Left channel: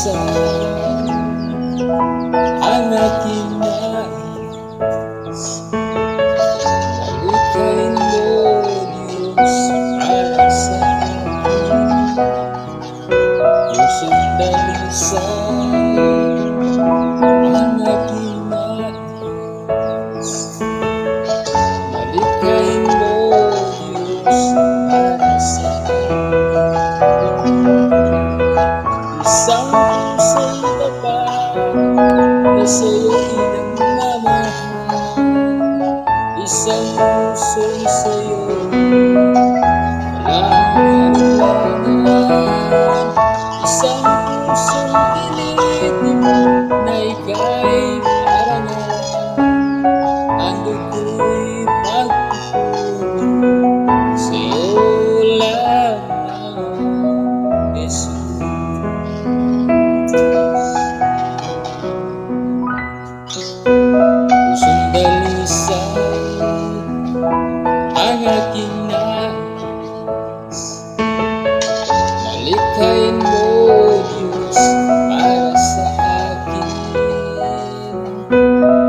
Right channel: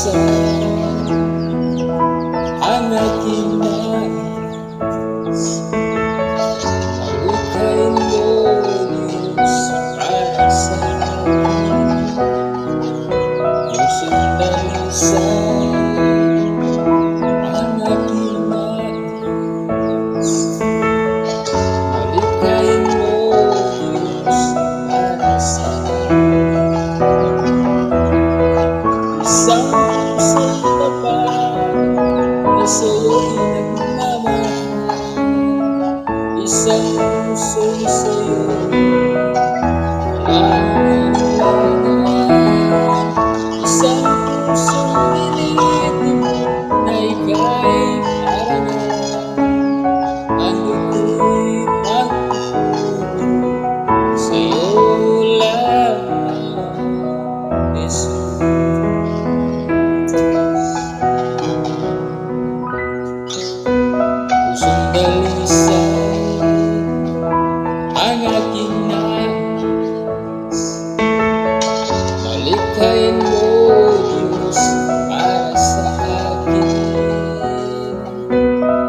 sandalisan ang aking nais. Malikain mo, Diyos, para sa akin. Yung sandalisan ang aking nais. Malikain mo, Diyos, para sa akin. Isang pusong tapat na sa'yo'y nagmamahal. Isang pusong sa'yo'y walang alinlangan. Isang pusong pilitin na ika'y parang alam. Ando ko'y pagpupuri sa'yo lamang, Jesus. Pusong dalisay ang aking nais. Malikain mo, Diyos, para sa akin.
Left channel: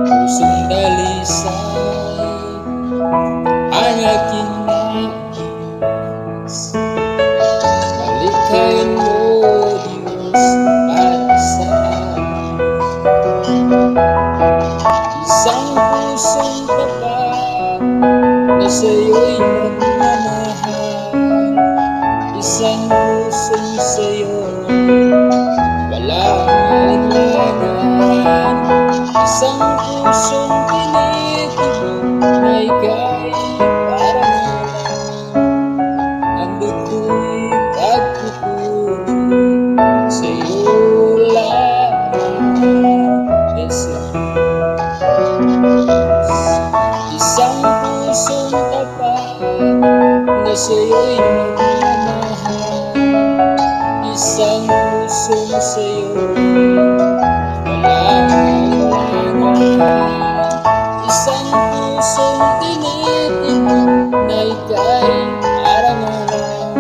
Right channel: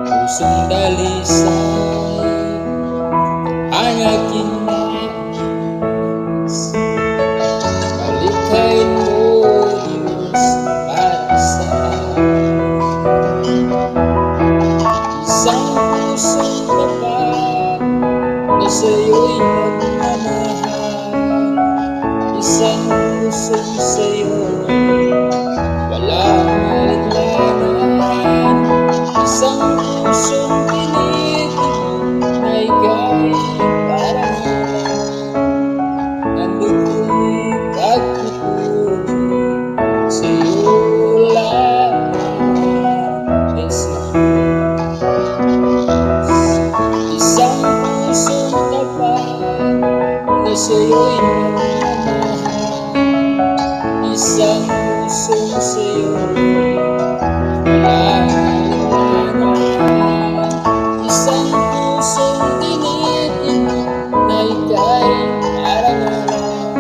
Pusong dalisay ang aking nais. Malikain mo, Diyos, para sa akin. Isang pusong tapat na sa'yo'y nagmamahal. Isang pusong sa'yo'y walang alinlangan. Isang pusong tinitig na ika'y parang alam. Ando ko'y pagpupuri sa'yo lamang, Jesus. Isang pusong tapat na sa'yo'y nagmamahal. Isang pusong sa'yo'y walang alinlangan. Isang pusong tinitig na ika'y parang alam.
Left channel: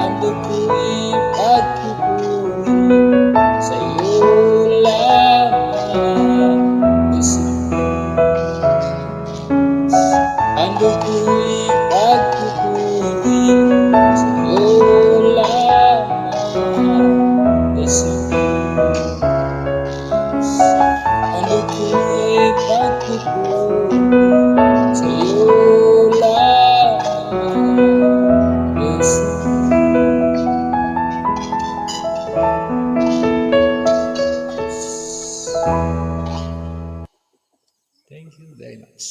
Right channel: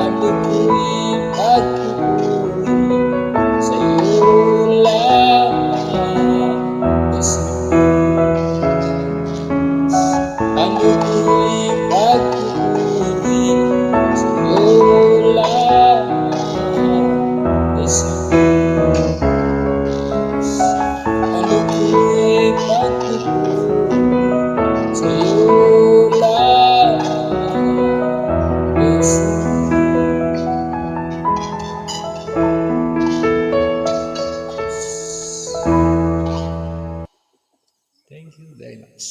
Ando ko'y pagpupuri sa'yo lamang, Jesus. Ando ko'y pagpupuri sa'yo lamang, Jesus. Ando ko'y pagpupuri sa'yo lamang, Jesus. Thank you very much.